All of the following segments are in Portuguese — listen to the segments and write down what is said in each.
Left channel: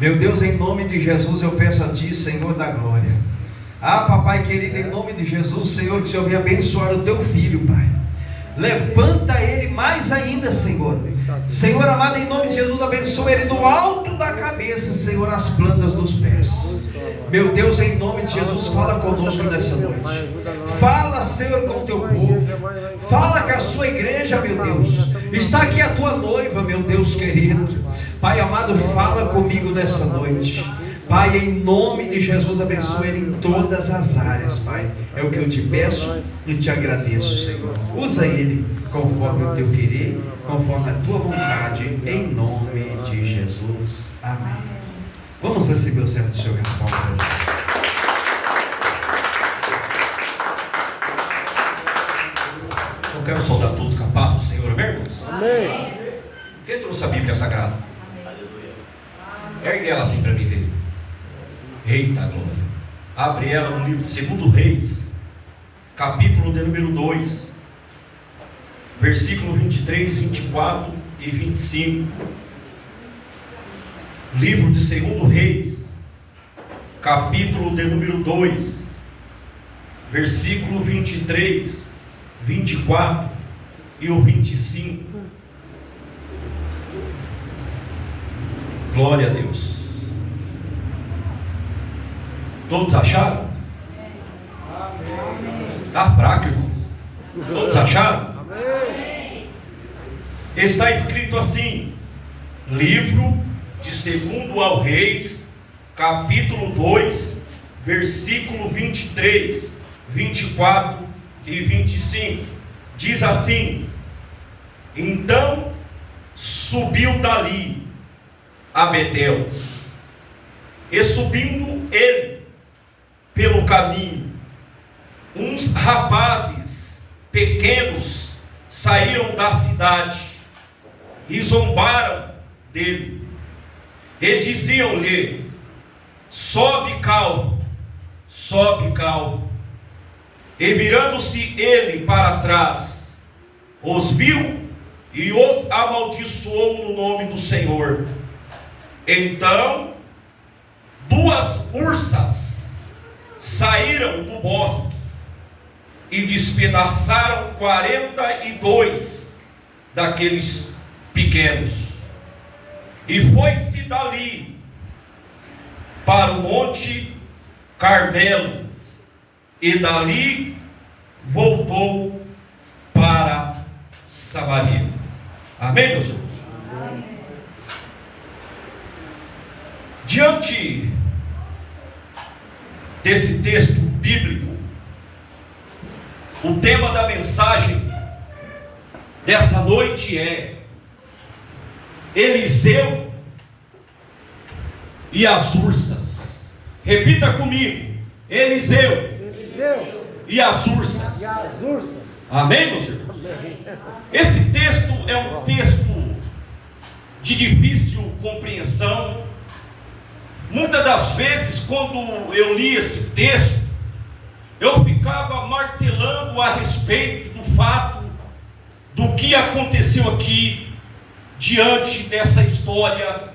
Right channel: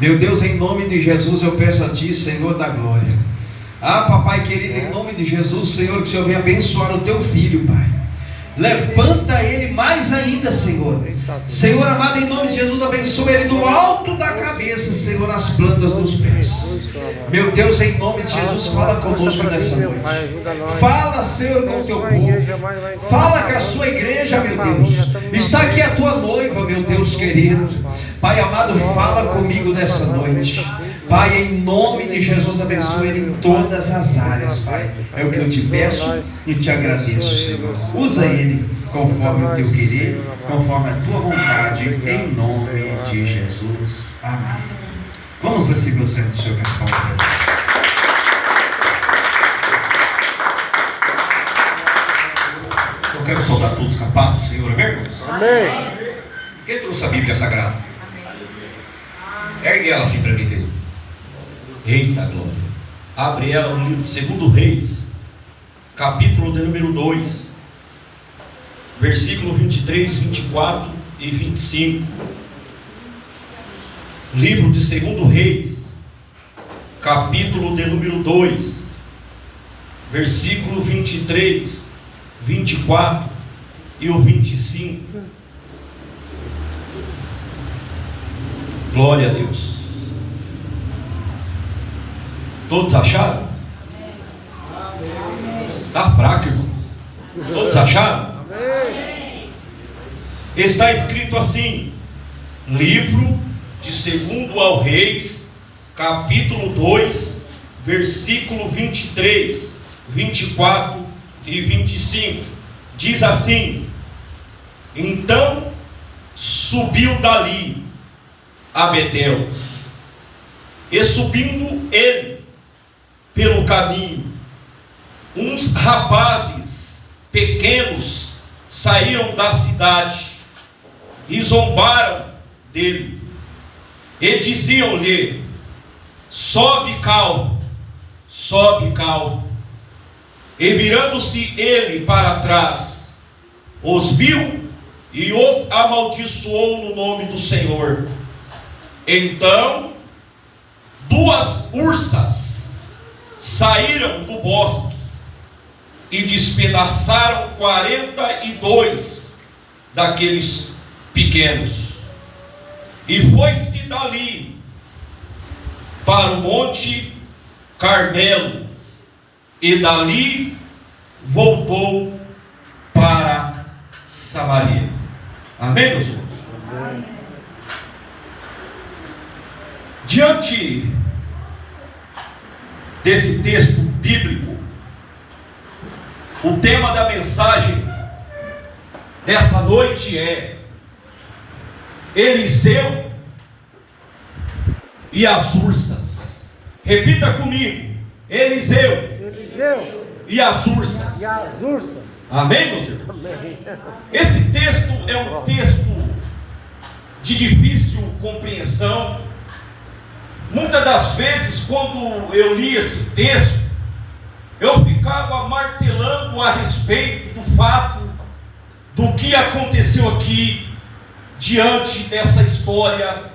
Meu Deus, em nome de Jesus eu peço a Ti, Senhor da glória. Papai querido, em nome de Jesus, Senhor, que o Senhor venha abençoar o Teu filho, Pai. Levanta ele mais ainda, Senhor. Senhor amado, em nome de Jesus, abençoa ele do alto da cabeça, Senhor, às plantas dos pés. Meu Deus, em nome de Jesus, fala conosco nessa noite. Fala, Senhor, com o Teu povo. Fala com a sua igreja, meu Deus. Está aqui a Tua noiva, meu Deus querido. Pai amado, fala comigo nessa noite. Pai, em nome de Jesus, abençoe ele em todas as áreas, Pai. É o que eu te peço e te agradeço, Senhor. Usa ele conforme o teu querer, conforme a tua vontade, em nome de Jesus. Amém. Vamos receber o servo do Senhor Capitão para Jesus. Eu quero saudar todos os capazes do Senhor, amém, irmãos? Amém. Quem trouxe a Bíblia Sagrada? Ergue ela assim para mim ver. Eita glória. Abre ela no livro de 2 Reis, capítulo de número 2, versículo 23, 24 e 25. Livro de 2 Reis, capítulo de número 2, versículo 23, 24 e o 25. Glória a Deus. Todos acharam? Está fraco, irmãos. Todos acharam? Amém. Está escrito assim: livro de 2 ao Reis, capítulo 2, versículo 23, 24 e 25. Diz assim: então subiu dali a Betel, e subindo ele pelo caminho, uns rapazes pequenos saíram da cidade e zombaram dele, e diziam-lhe: sobe calmo, sobe calmo. E virando-se ele para trás, os viu e os amaldiçoou no nome do Senhor. Então 2 ursas saíram do bosque e despedaçaram 42 daqueles pequenos, e foi-se dali para o monte Carmelo, e dali voltou para Samaria. Amém, meus irmãos? Amém. Diante desse texto bíblico, o tema da mensagem dessa noite é Eliseu e as ursas. Repita comigo: Eliseu e as ursas. E as ursas. Amém, meus irmãos? Amém. Esse texto é um texto de difícil compreensão. Muitas das vezes, quando eu li esse texto, eu ficava martelando a respeito do fato do que aconteceu aqui diante dessa história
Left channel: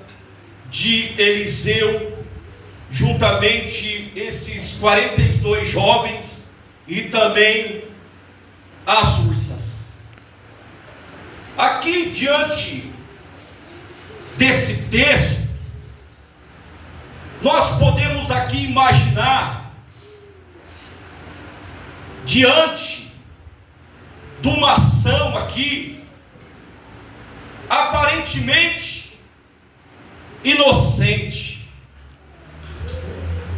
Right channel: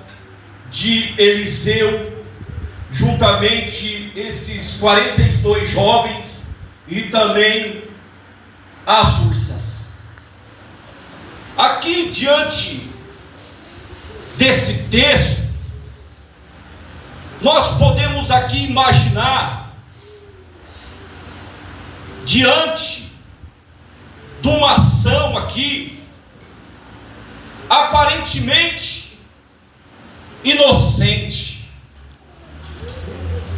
de Eliseu, juntamente esses 42 jovens e também as ursas. Aqui diante desse texto, nós podemos aqui imaginar, diante de uma ação aqui, aparentemente inocente.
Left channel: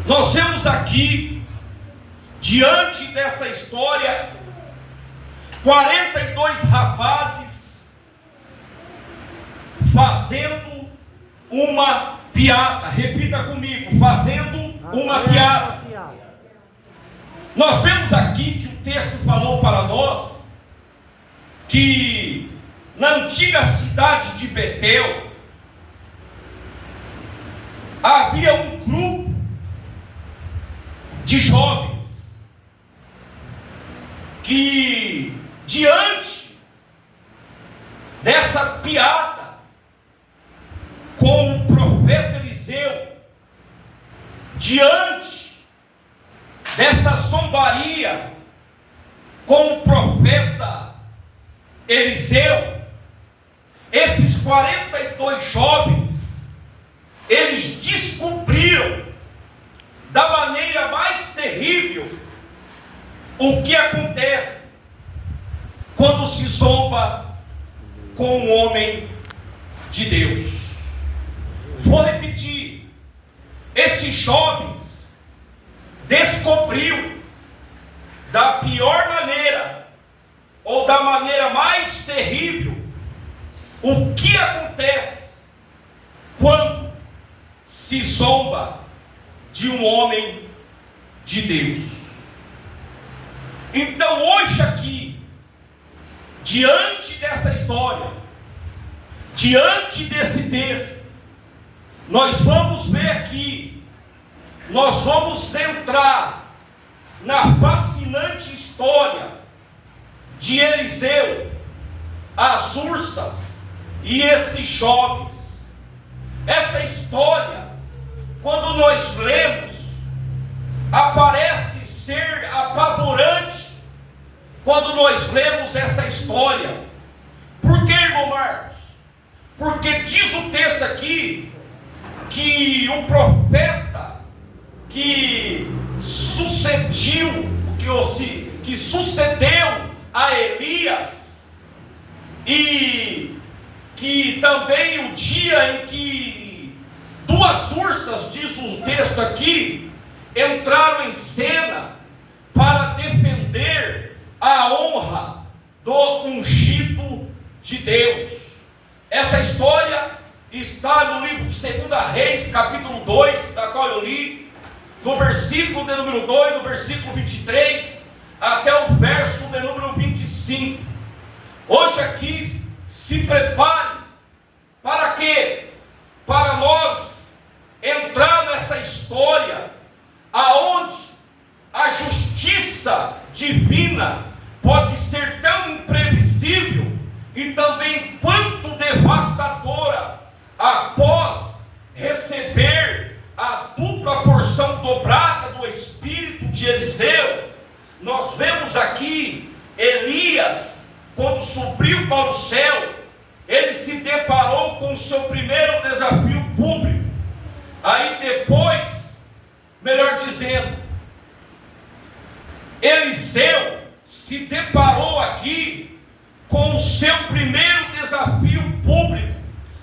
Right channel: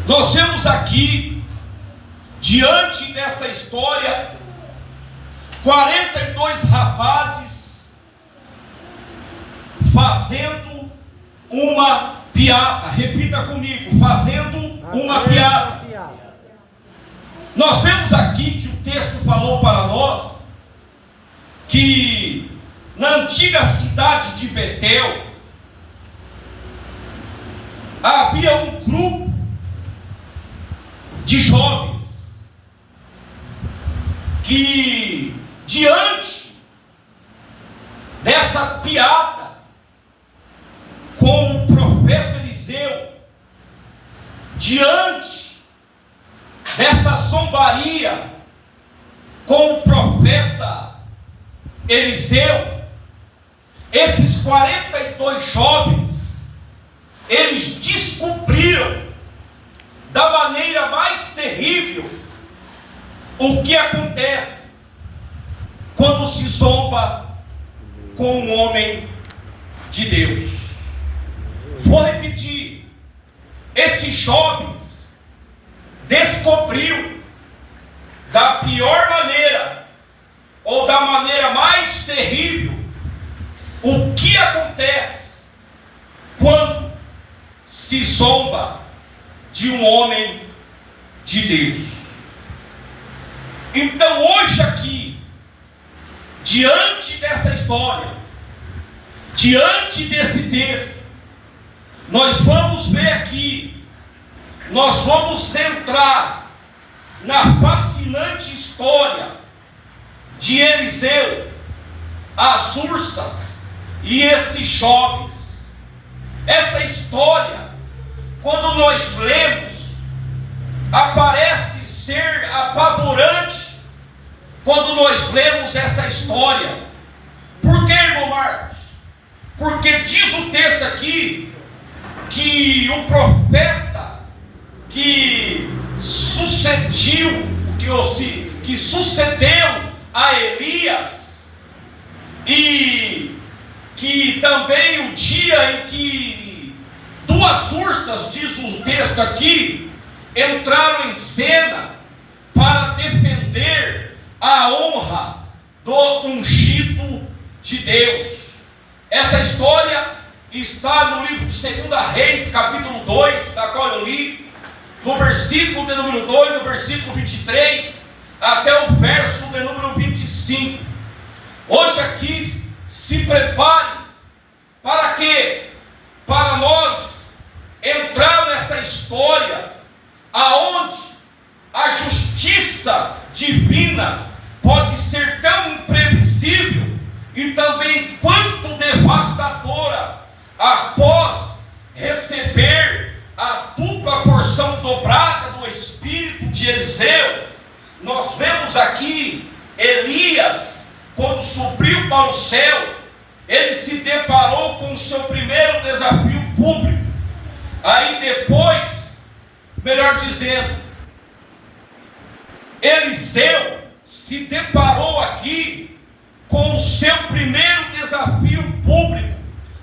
Nós vemos aqui, diante dessa história, 42 rapazes fazendo uma piada. Repita comigo: fazendo uma piada. Nós vemos aqui que o texto falou para nós que na antiga cidade de Betel havia um grupo de jovens que, diante dessa piada com o profeta Eliseu, diante dessa zombaria com o profeta Eliseu, esses 42 jovens, eles descobriram da maneira mais terrível o que acontece quando se zomba com um homem de Deus. Vou repetir: esses jovens descobriram da pior maneira, ou da maneira mais terrível, o que acontece quando se zomba de um homem de Deus. Então hoje aqui, diante dessa história, diante desse texto, nós vamos ver aqui, nós vamos entrar na fascinante história de Eliseu, as ursas e esses jovens. Essa história, quando nós lemos, aparece ser apavorante quando nós lemos essa história. Por que, irmão Marcos? Porque diz o texto aqui que o profeta que sucedeu a Elias, e que também o dia em que duas ursas, diz o texto aqui, entraram em cena para defender a honra do ungido de Deus. Essa história está no livro de 2 Reis, capítulo 2, da qual eu li, no versículo de número 2, no versículo 23, até o verso de número 25. Hoje aqui, se prepare para quê? Para nós entrar nessa história, aonde a justiça divina pode ser tão imprevisível e também quanto devastadora após receber a dupla porção dobrada do espírito de Eliseu. Nós vemos aqui Elias, quando subiu para o céu, ele se deparou com o seu primeiro desafio público. Aí depois, melhor dizendo, Eliseu se deparou aqui com o seu primeiro desafio público,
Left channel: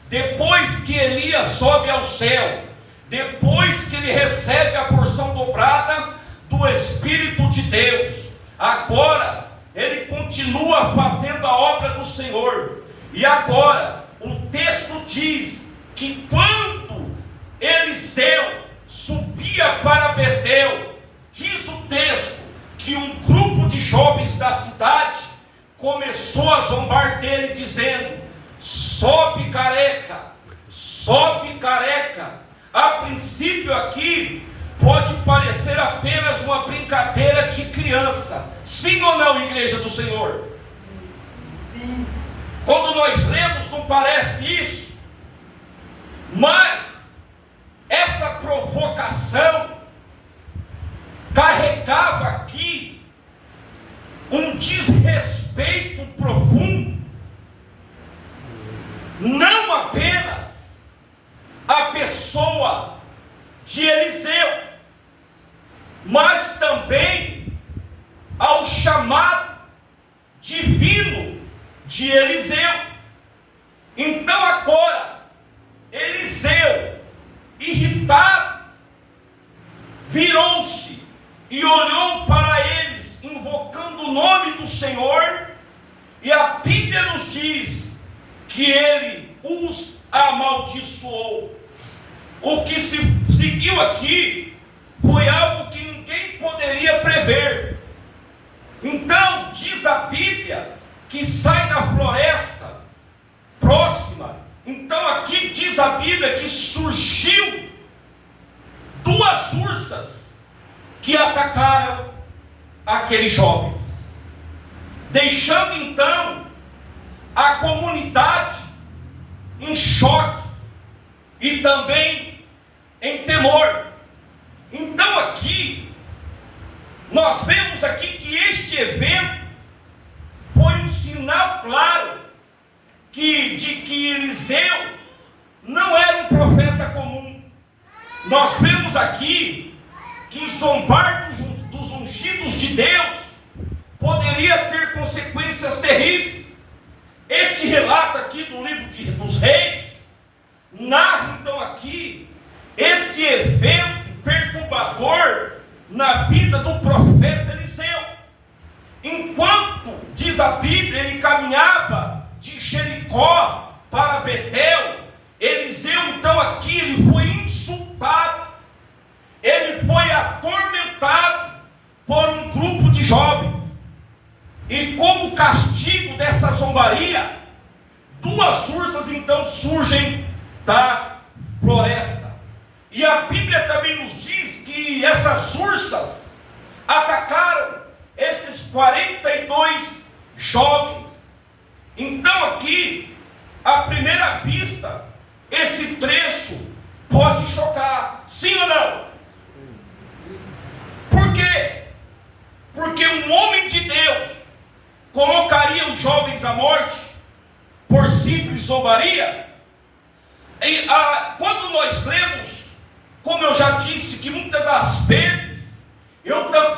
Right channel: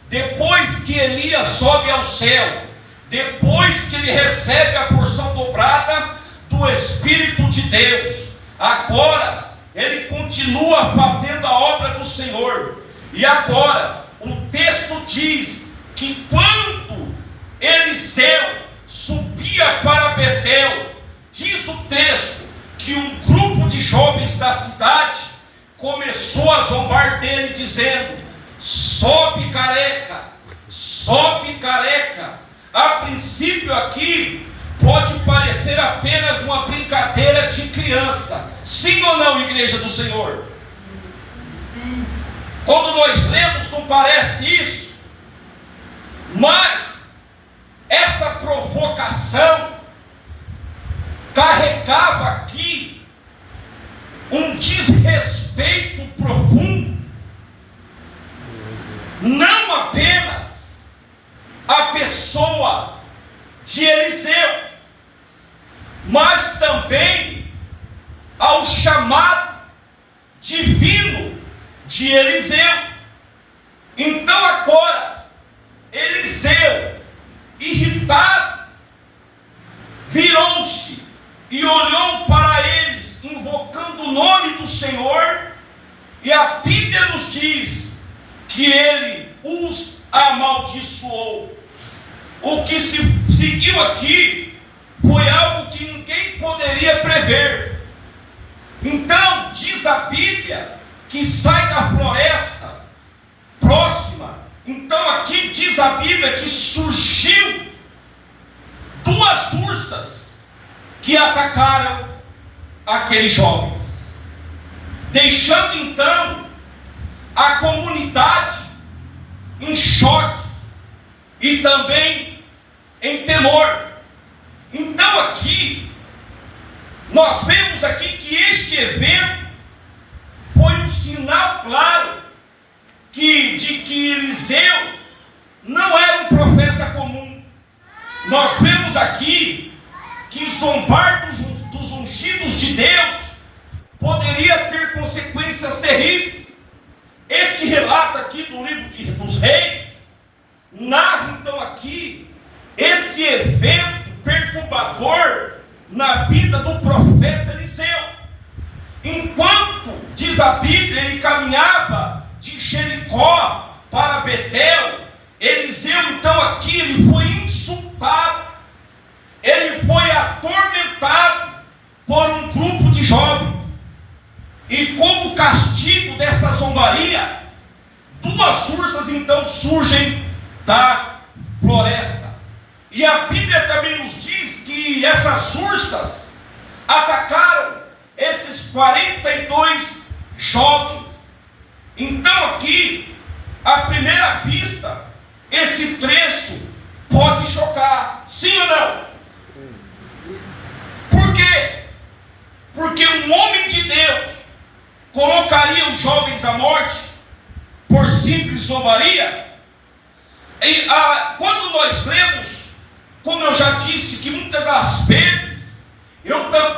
depois que Elias sobe ao céu, depois que ele recebe a porção dobrada do Espírito de Deus. Agora ele continua fazendo a obra do Senhor. E agora o texto diz que quando Eliseu subia para Betel, diz o texto que um grupo de jovens da cidade começou a zombar dele, dizendo: sobe careca, sobe careca. A princípio aqui pode parecer apenas uma brincadeira de criança, sim ou não, igreja do Senhor? Quando nós lemos, não parece isso, mas essa provocação carregava aqui um desrespeito profundo, não apenas a pessoa de Eliseu, mas também ao chamado divino de Eliseu. Então agora Eliseu, irritado, virou-se e olhou para eles, invocando o nome do Senhor, e a Bíblia nos diz que ele os amaldiçoou. O que se seguiu aqui foi algo que ninguém poderia prever. Então diz a Bíblia que sai da floresta próxima. Então aqui diz a Bíblia que surgiu duas ursas que atacaram aqueles jovens, deixando então a comunidade em choque e também em temor. Então aqui, nós vemos aqui que este evento foi um sinal claro de que Eliseu não era um profeta comum. Nós vemos aqui que zombar dos ungidos de Deus poderia ter consequências terríveis. Este relato aqui do livro dos Reis narra então aqui esse evento perturbador na vida do profeta Eliseu. Enquanto, diz a Bíblia, ele caminhava de Jericó para Betel, Eliseu então aqui ele foi insultado, ele foi atormentado por um grupo de jovens. E como castigo dessa zombaria, duas ursas então surgem da floresta. E a Bíblia também nos diz que essas ursas atacaram esses 42 jovens. Então aqui, à primeira vista, esse trecho pode chocar, sim ou não? Por quê? Porque um homem de Deus colocaria os jovens à morte por simples zombaria? E quando nós lemos, como eu já disse, que muitas das vezes,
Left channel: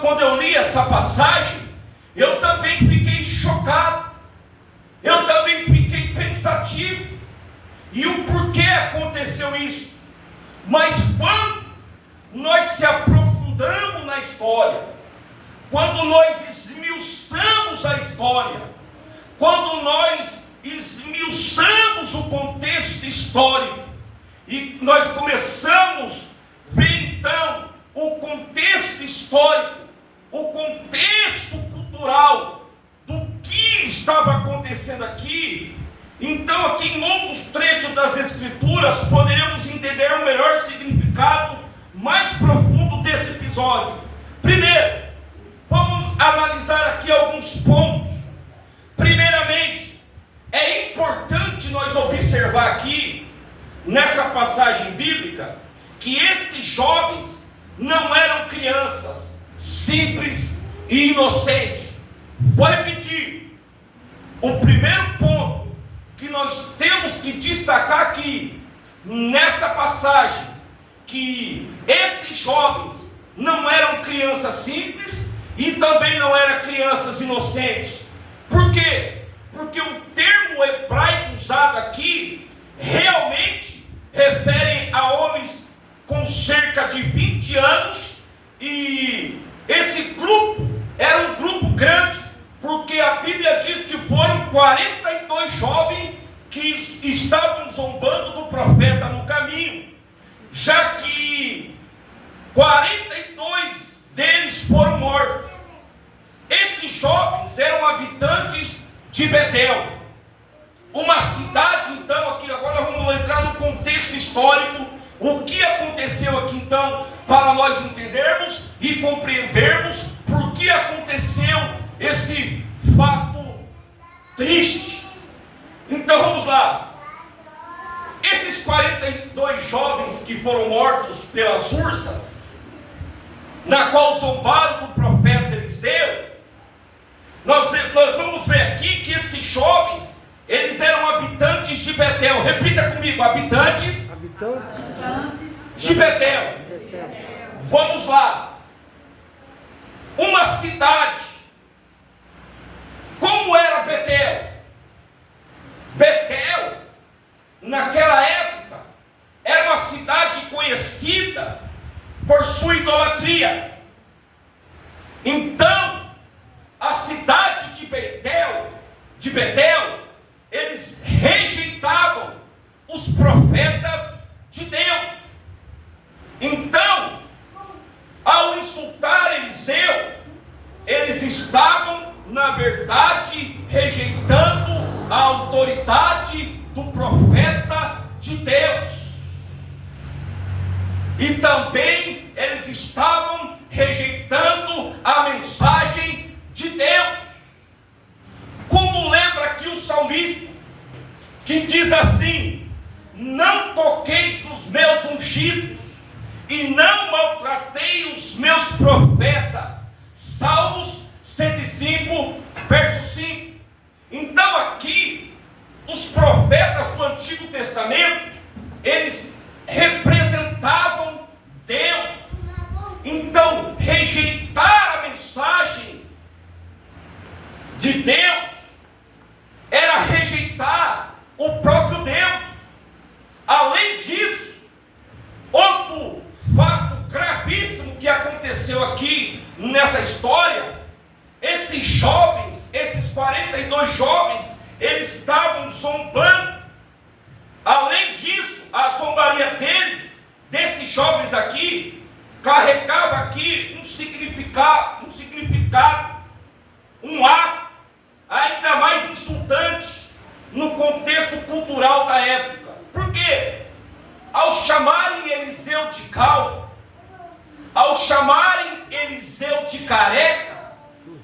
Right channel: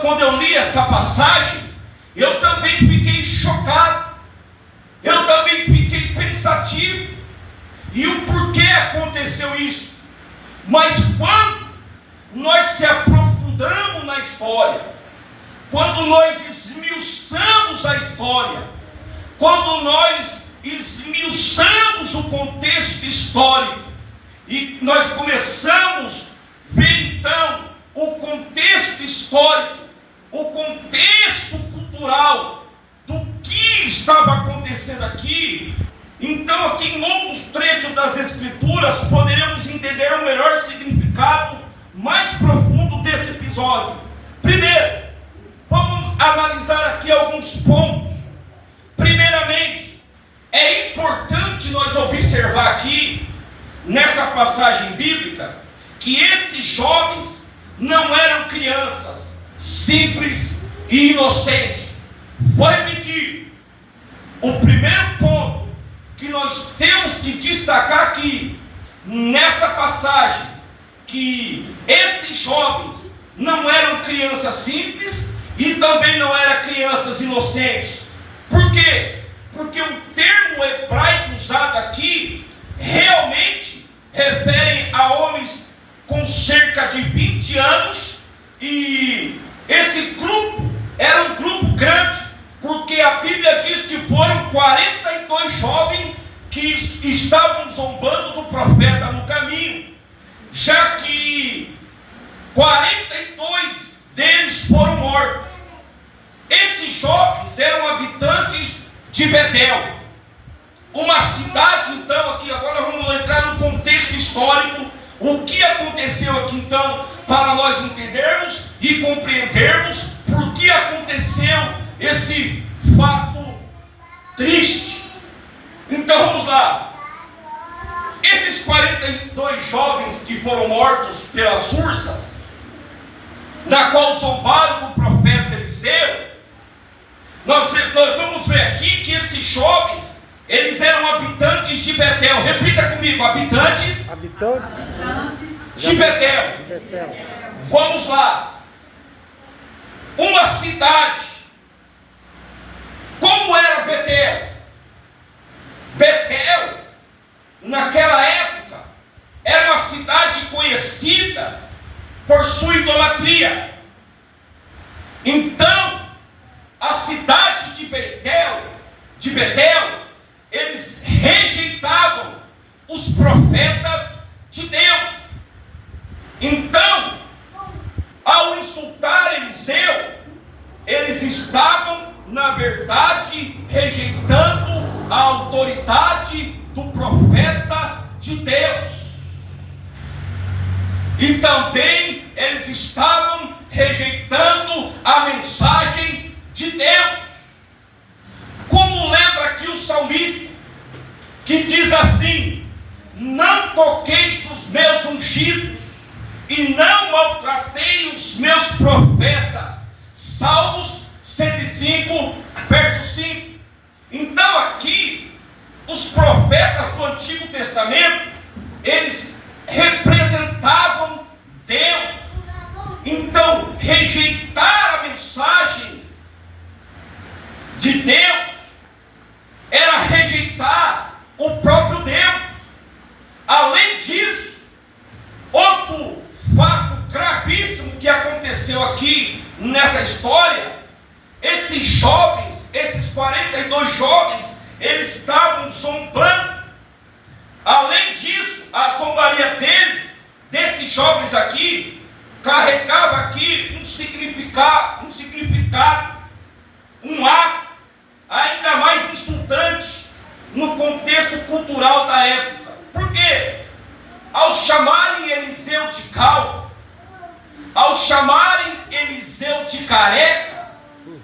quando eu li essa passagem, eu também fiquei chocado, eu também fiquei pensativo, e o porquê aconteceu isso. Mas quando nós se aprofundamos na história, quando nós esmiuçamos a história, quando nós esmiuçamos o contexto histórico, e nós começamos a ver então o contexto histórico, o contexto cultural do que estava acontecendo aqui, então aqui em outros trechos das Escrituras poderíamos entender o melhor significado mais profundo desse episódio. Primeiro, vamos analisar aqui alguns pontos. Primeiramente, é importante nós observar aqui, nessa passagem bíblica, que esses jovens não eram crianças simples e inocentes. Vou repetir. O primeiro ponto que nós temos que destacar aqui, nessa passagem, que esses jovens não eram crianças simples e também não eram crianças inocentes. Por quê? Porque o termo hebraico usado aqui realmente refere a homens com cerca de 20 anos, e esse grupo era um grupo grande, porque a Bíblia diz que foram 42 jovens que estavam zombando do profeta no caminho, já que 42 deles foram mortos. Esses jovens eram habitantes de Betel, uma cidade. Então aqui agora vamos entrar no contexto histórico, o que aconteceu aqui então, para nós entendermos e compreendermos por que aconteceu esse fato triste. Então vamos lá. Esses 42 jovens que foram mortos pelas ursas, na qual zombaram do profeta Eliseu, nós vamos ver aqui que esses jovens, eles eram habitantes de Betel. Repita comigo: habitantes de Betel. Vamos lá. Uma cidade. Como era Betel? Betel, naquela época, era uma cidade conhecida por sua idolatria. Então, a cidade de Betel, eles rejeitavam os profetas de Deus. Então, ao insultar Eliseu, eles estavam, na verdade, rejeitando a autoridade do profeta de Deus. E também eles estavam rejeitando a mensagem de Deus. Como lembra aqui o salmista, que diz assim: não toqueis nos meus ungidos, e não maltratei os meus profetas. Salmos 105, verso 5. Então aqui, os profetas do Antigo Testamento, eles representavam Deus. Então, rejeitar a mensagem de Deus era rejeitar o próprio Deus. Além disso, outro fato gravíssimo que aconteceu aqui nessa história, esses jovens, esses 42 jovens, eles estavam zombando. Além disso, a zombaria desses jovens aqui, carregava aqui um significado, um ato ainda mais insultante no contexto cultural da época. Por quê? Ao chamarem Eliseu de calvo, ao chamarem Eliseu de careca,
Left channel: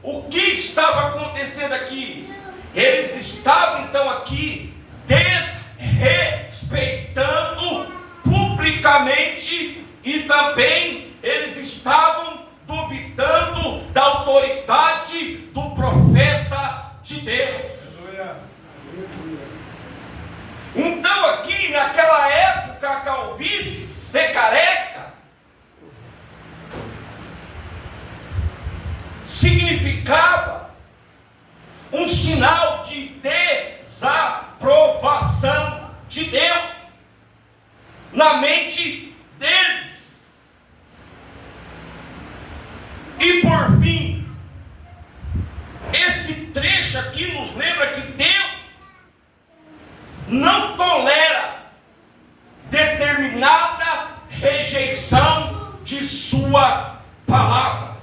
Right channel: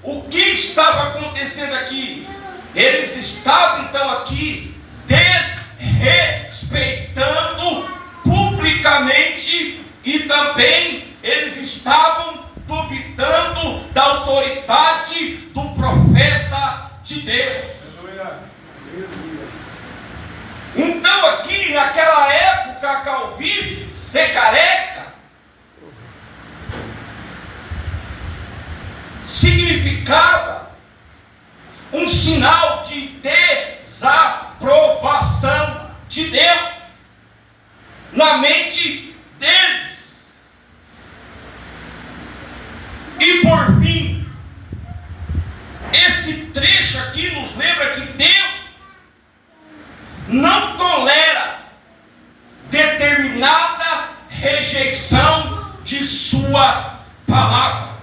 o que estava acontecendo aqui? Eles estavam então aqui desrespeitando publicamente, e também eles estavam duvidando da autoridade do profeta de Deus. Então aqui naquela época, a calvície, ser careca, significava um sinal de desaprovação de Deus na mente deles. E por fim, esse trecho aqui nos lembra que Deus não tolera determinada rejeição de sua palavra.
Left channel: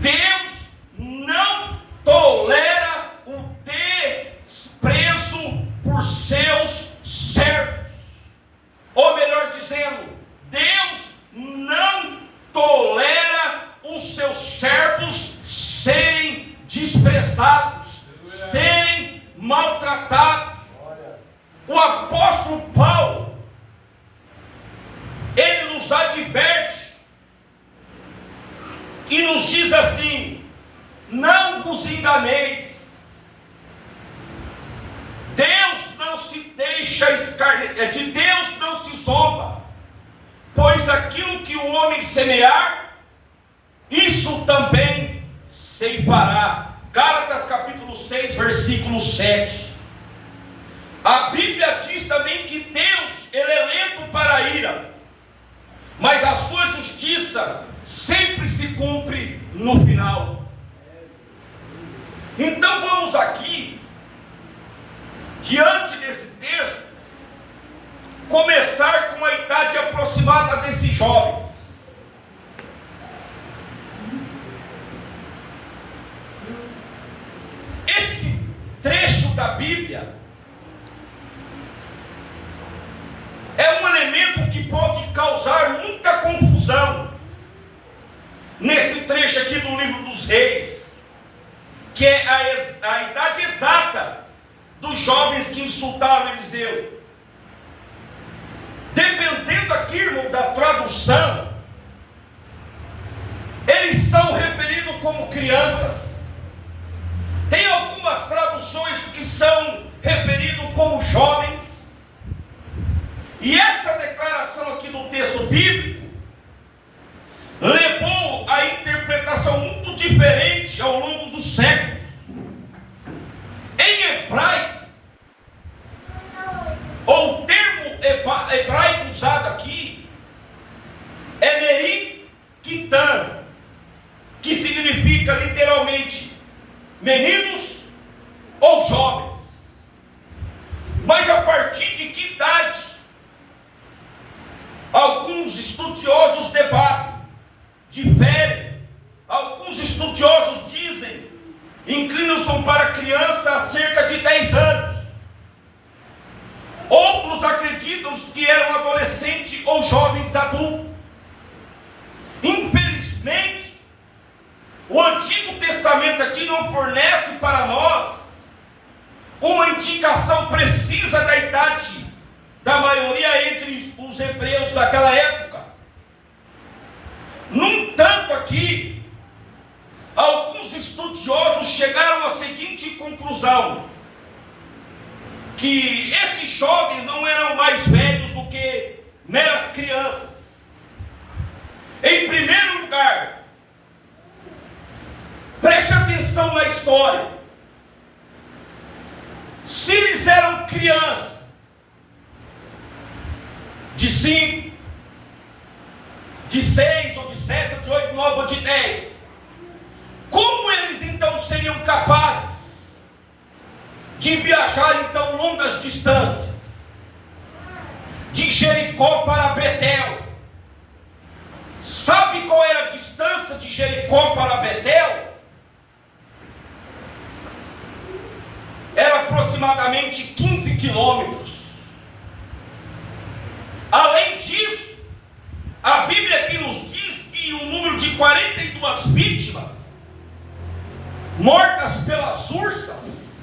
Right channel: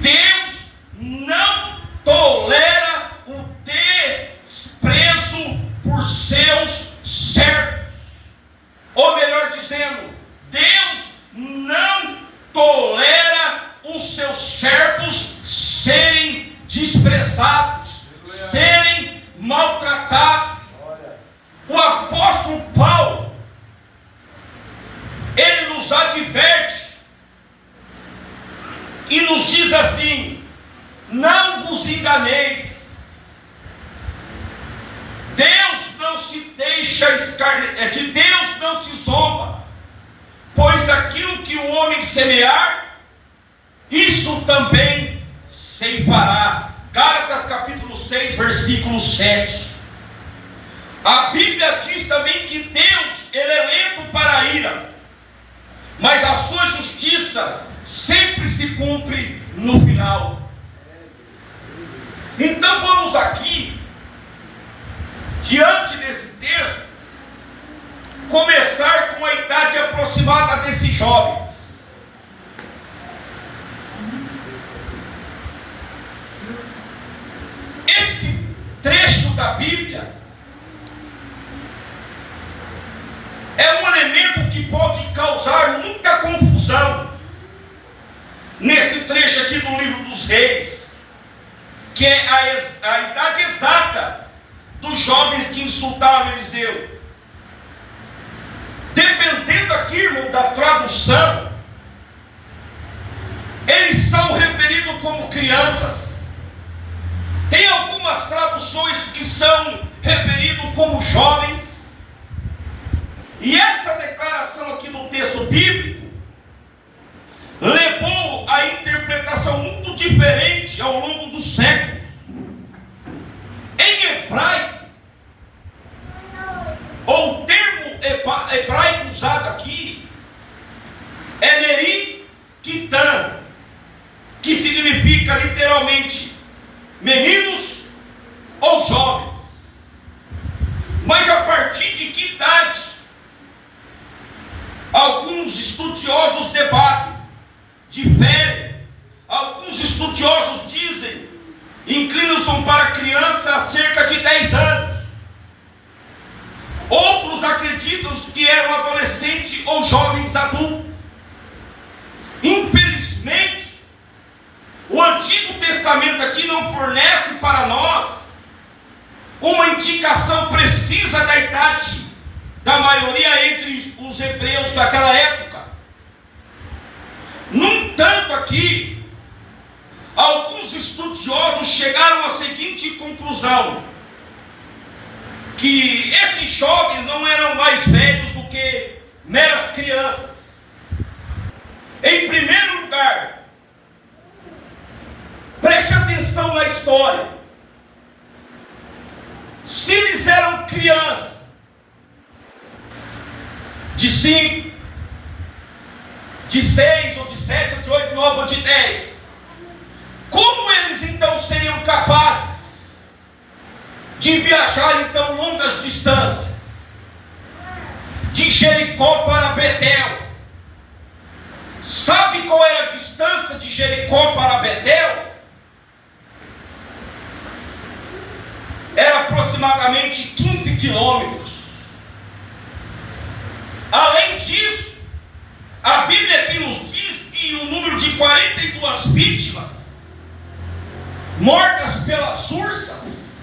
Deus não tolera o desprezo por seus servos. Ou melhor dizendo, Deus não tolera os seus servos serem desprezados, serem maltratados. O apóstolo Paulo, ele nos adverte e nos diz assim: não vos enganeis, Deus não se deixa escarnecer, de Deus não se zomba, pois aquilo que o homem semear, isso também ceifará. Gálatas capítulo 6, versículo 7. A Bíblia diz também que Deus, ele é lento para a ira, mas a sua justiça sempre se cumpre no final. Então vamos aqui, diante desse texto, começar com a idade aproximada desses jovens. Esse trecho da Bíblia é um elemento que pode causar muita confusão nesse trecho aqui do livro dos Reis, que é a idade exata dos jovens que insultaram Eliseu. Dependendo aqui, irmão, da tradução, eles são referidos como crianças. Tem algumas traduções que são referidos como jovens. E essa declaração aqui no texto bíblico levou a interpretação muito diferente ao longo dos séculos. Em hebraico, ou o termo hebraico usado aqui é Meri Kitan, que significa literalmente meninos ou jovens. Mas a partir de que idade? Alguns estudiosos debatem, diferem. Alguns estudiosos dizem, inclinam-se para criança a cerca de 10 anos. Outros acreditam que eram adolescentes ou jovens adultos. Infelizmente, o Antigo Testamento aqui não fornece para nós uma indicação precisa da idade da maioria entre os hebreus daquela época. chegaram à seguinte conclusão: que esses jovens não eram mais velhos do que meras crianças. Em primeiro lugar, preste atenção na história. Se eles eram crianças de 5, de 6, ou de 7, ou de 8, 9, ou de 10, como eles então seriam capazes de viajar então longas distâncias, de Jericó para Betel? Sabe qual era a distância de Jericó para Betel? Era aproximadamente 15 quilômetros. Além disso, a Bíblia aqui nos diz que o número de 42 vítimas mortas pelas ursas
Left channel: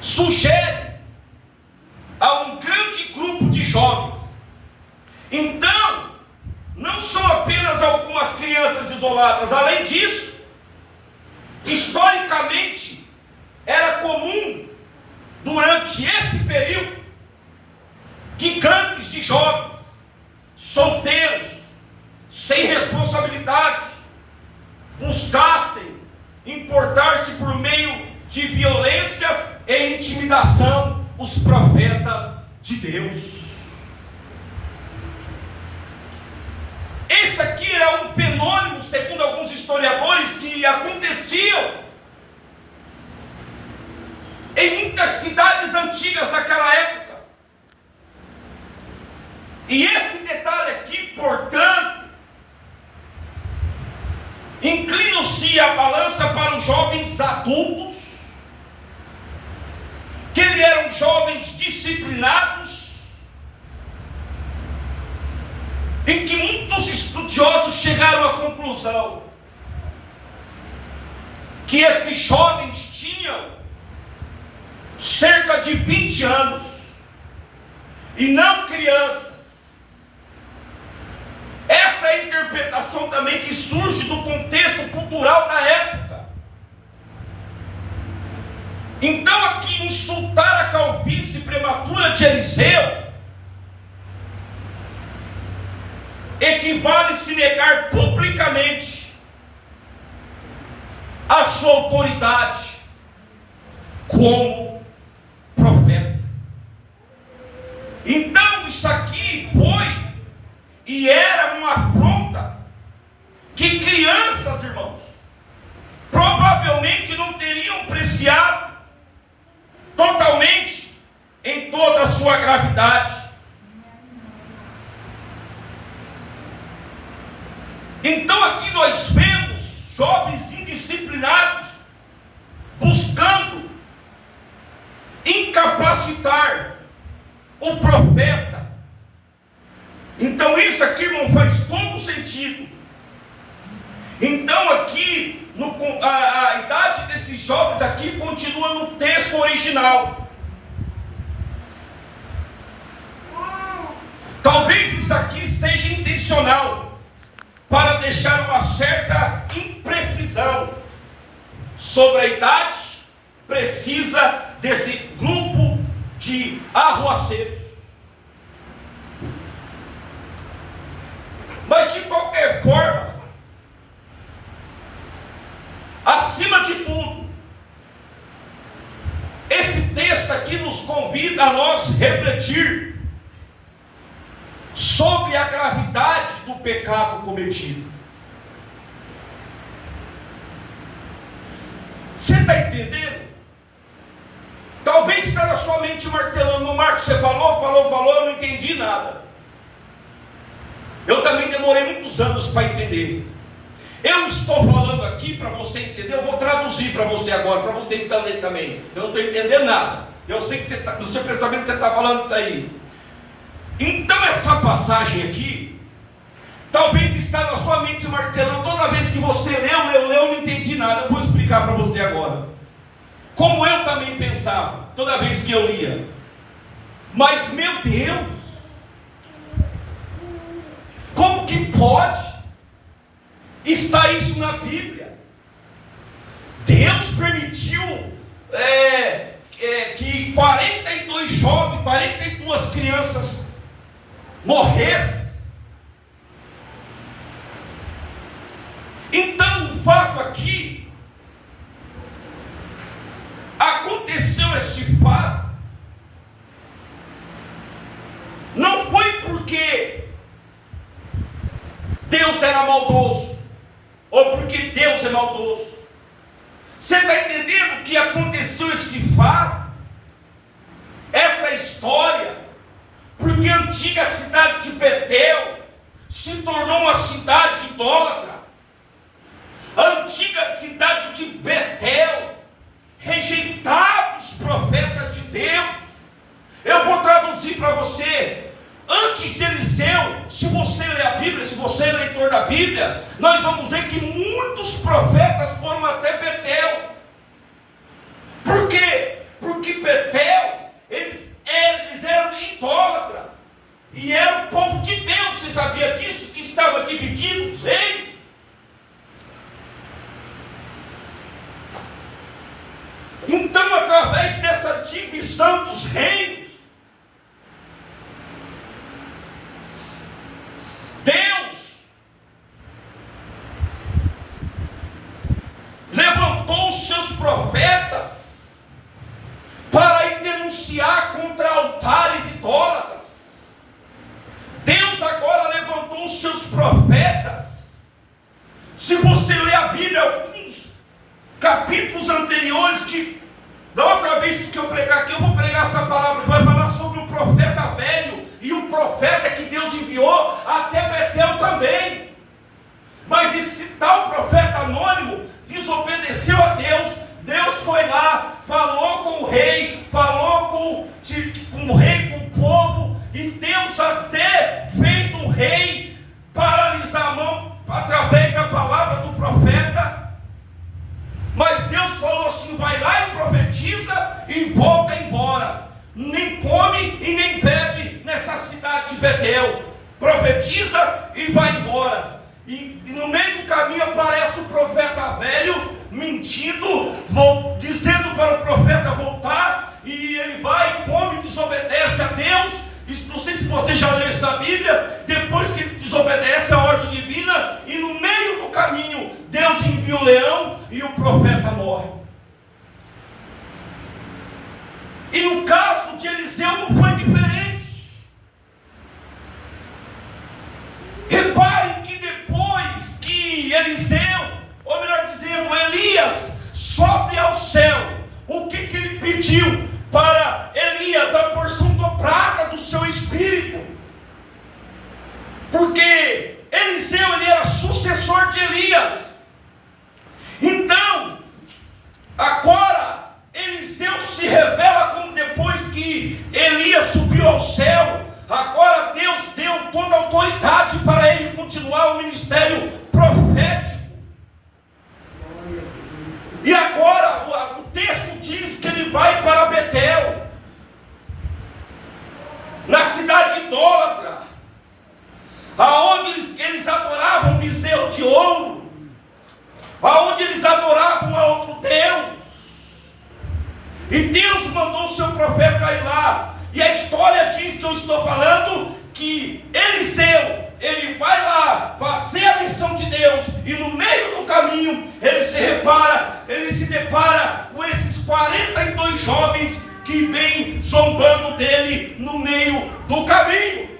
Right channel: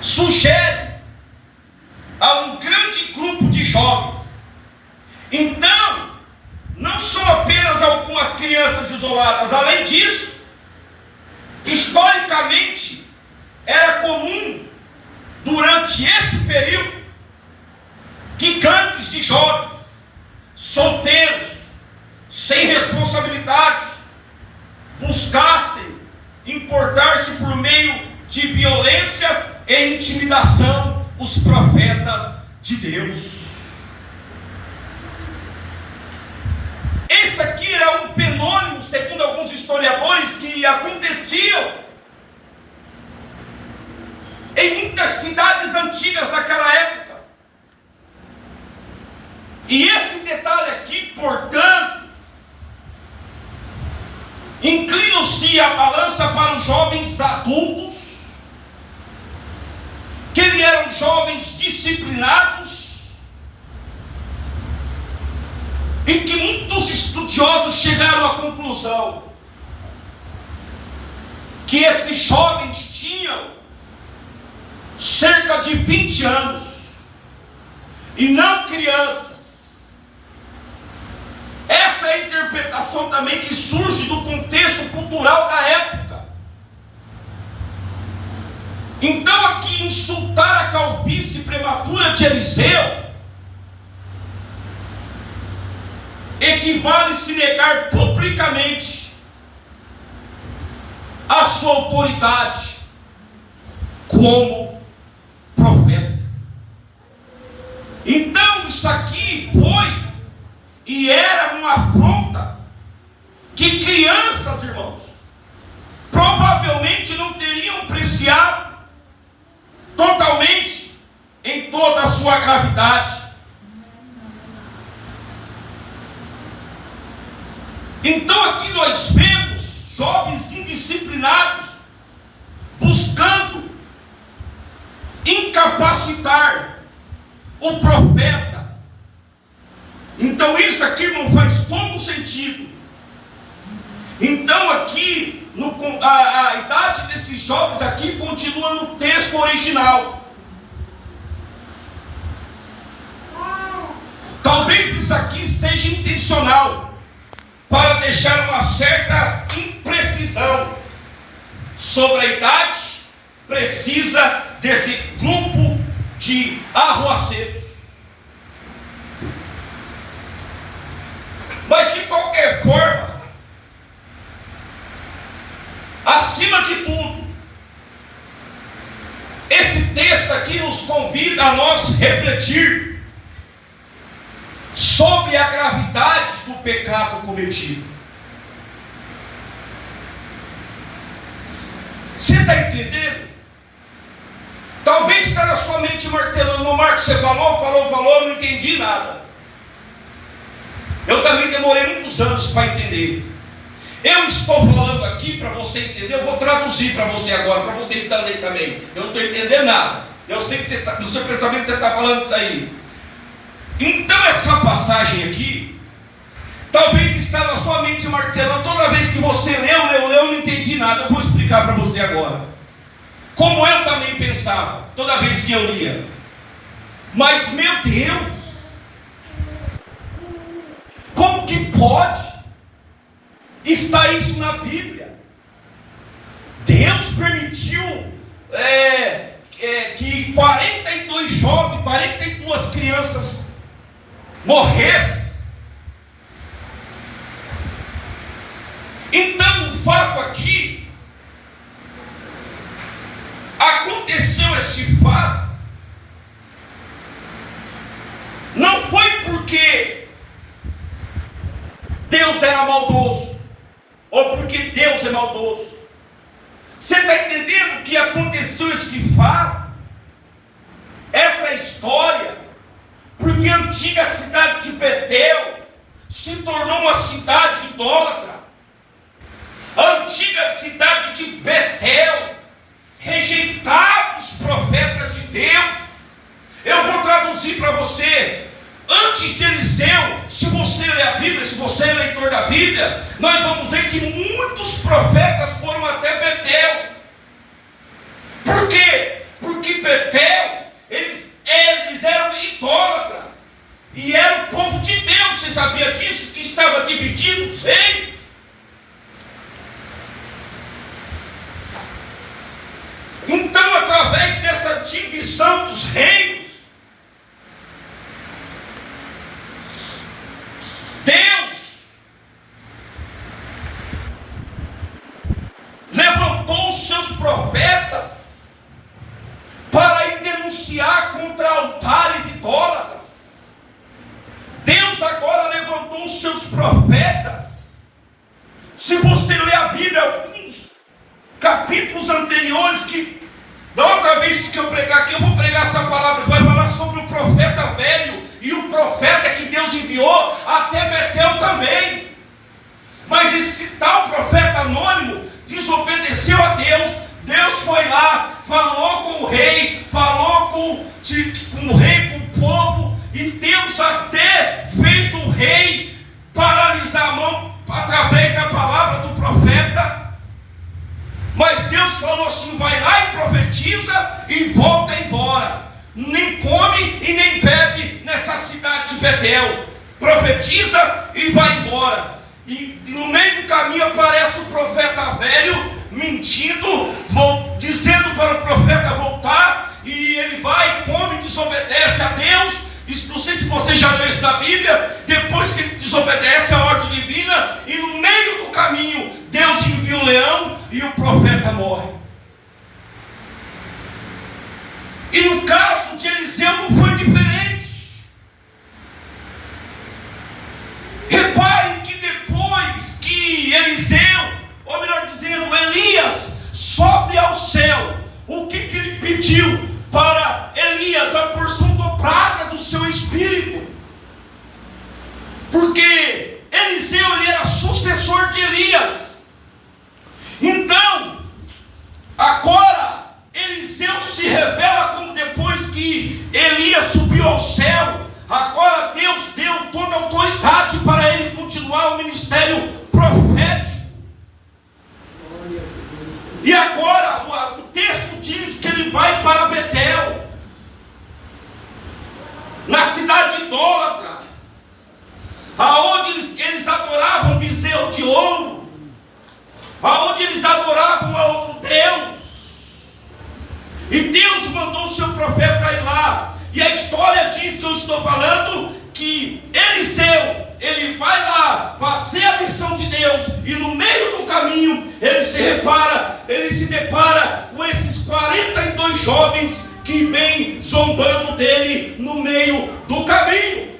sugere a um grande grupo de jovens. Então, não são apenas algumas crianças isoladas. Além disso, historicamente, era comum, durante esse período, que gangues de jovens, solteiros, sem responsabilidade, buscassem importar-se por meio de violência e intimidação os profetas de Deus. Esse aqui era um fenômeno, segundo alguns historiadores, que aconteciam em muitas cidades antigas naquela época. E esse detalhe aqui, portanto, inclina-se a balança para os jovens adultos, que eles eram jovens disciplinados, em que muitos estudiosos chegaram à conclusão que esses jovens tinham cerca de 20 anos, e não crianças. Essa é a interpretação também que surge do contexto cultural da época. Então, aqui, insultar a calvície prematura de Eliseu equivale a se negar publicamente a sua autoridade como profeta. Então, isso aqui foi e era uma afronta que crianças, irmãos, provavelmente não teriam apreciado totalmente em toda a sua gravidade. Então aqui nós vemos jovens indisciplinados buscando incapacitar o profeta. Então isso aqui não faz todo sentido. Então aqui a idade desses jovens aqui continua no texto original. Talvez isso aqui seja intencional, para deixar uma certa imprecisão sobre a idade precisa desse grupo de arruaceiros. Mas de qualquer forma, acima de tudo, esse texto aqui nos convida a nós refletir sobre a gravidade do pecado cometido. Você está entendendo? Talvez está na sua mente martelando: Marcos, você falou, eu não entendi nada. Eu também demorei muitos anos para entender. Eu estou falando aqui para você entender, eu vou traduzir para você agora, para você entender também. Eu não estou entendendo nada. Eu sei que no seu pensamento você está falando isso aí. Então essa passagem aqui, talvez está na sua mente martelando. Toda vez que você leu, eu não entendi nada. Eu vou explicar para você agora. Como eu também pensava, toda vez que eu lia. Mas meu Deus, como que pode estar isso na Bíblia? Deus permitiu que 42 jovens, 42 crianças morressem. Então o fato aqui, aconteceu esse fato, não foi porque Deus era maldoso, ou porque Deus é maldoso. Você está entendendo que aconteceu esse fato, essa história, porque a antiga cidade de Betel se tornou uma cidade idólatra. A antiga cidade de Betel rejeitava os profetas de Deus. Eu vou traduzir para você. Antes de Eliseu, se você ler a Bíblia, se você é leitor da Bíblia, nós vamos ver que muitos profetas foram até Betel. Por quê? Porque Betel, eles eram idólatras, e era o povo de Deus. Você sabia disso? Que estava dividido os reinos. Então, através dessa divisão dos reinos, Deus levantou os seus profetas para ir denunciar contra altares idólatras. Deus agora levantou os seus profetas. Se você ler a Bíblia, alguns capítulos anteriores, que da outra vez que eu pregar aqui, eu vou pregar essa palavra, que vai falar sobre o profeta velho e o profeta que Deus enviou até Betel também. Mas esse tal profeta anônimo desobedeceu a Deus. Deus foi lá, falou com o rei, falou com o rei, com o povo, e Deus até fez o rei paralisar a mão através da palavra do profeta. Mas Deus falou assim: vai lá e profetiza e volta embora. Nem come e nem bebe nessa cidade de Betel. Profetiza e vai embora. E no meio do caminho aparece o profeta velho mentindo, dizendo para o profeta voltar. E ele vai, come e desobedece a Deus. Isso, não sei se você já leu isso da Bíblia. Depois que ele desobedece a ordem divina, e no meio do caminho Deus envia um leão e o profeta morre. E no caso de Eliseu não foi diferente. Reparem que depois que Eliseu, ou melhor dizendo, Elias, sobe ao céu, o que ele pediu para Elias? A porção dobrada do seu espírito. Porque Eliseu, ele era sucessor de Elias. Então, agora Eliseu se revela como depois que Elias subiu ao céu. Agora Deus deu toda a autoridade para ele continuar o ministério profético. E agora o texto diz que ele vai para Betel, na cidade idólatra, aonde eles adoravam bezerro de ouro, aonde eles adoravam a outro Deus. E Deus mandou o seu profeta ir lá. E a história diz que eu estou falando que Eliseu, ele vai lá fazer a missão de Deus, e no meio do caminho ele se depara com esses 42 jovens que vêm zombando dele no meio do caminho.